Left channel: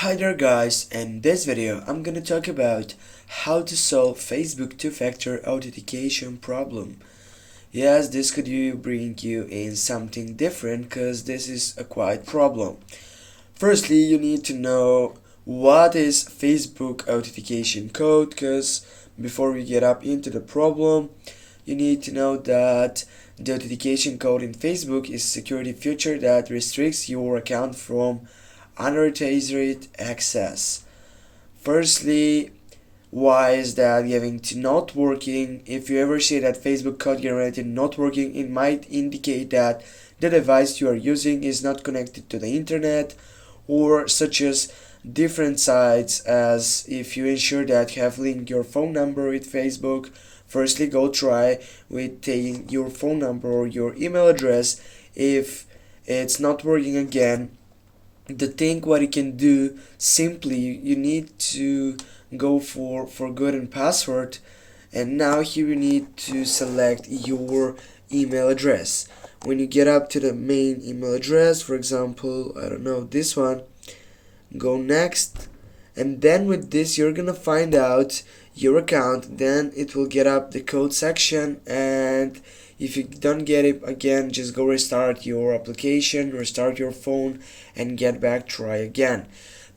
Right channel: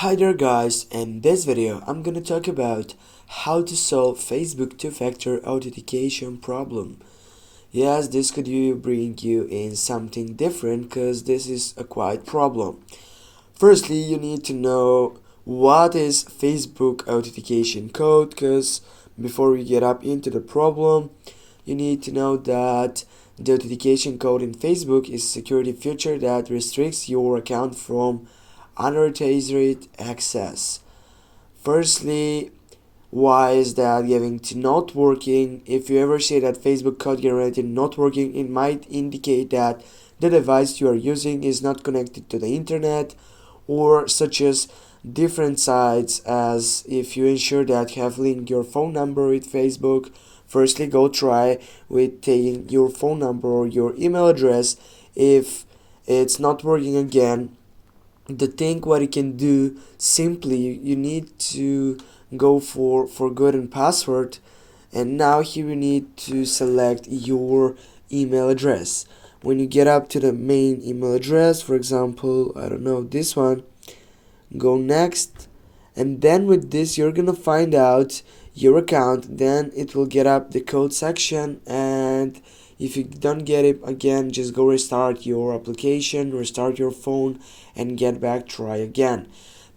Hi there guys, in this video I'm gonna talk about how to solve Facebook two-factor authentication problem. Yes, this could bring you in something different because this is a quite problem. Firstly, you need to know what is Facebook authentication code because before we get up into the problem, you need to know that the authentication code in Facebook is a security feature that restricts your account from unauthorized access. Firstly, why is that giving to not working? If you ever see that Facebook code generated not working, it might indicate that the device you are using is not connected to the internet, or such as different sites. As if you ensure that you have linked your phone number with Facebook, firstly go try with taking your phone number or your email address. If it's not working again, the thing what you can do, simply you need to go for forgotten password, and now here you need to select your email address. When you get up to the main email address, for example, I don't know, this one, go next, and then with this you're gonna find out your account. Then it will get up the code section, and if you don't get it again, just go restart your application, restart your phone, and get back, try again.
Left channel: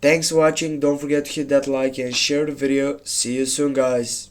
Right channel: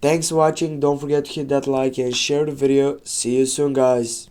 Thanks for watching. Don't forget to hit that like and share the video. See you soon guys.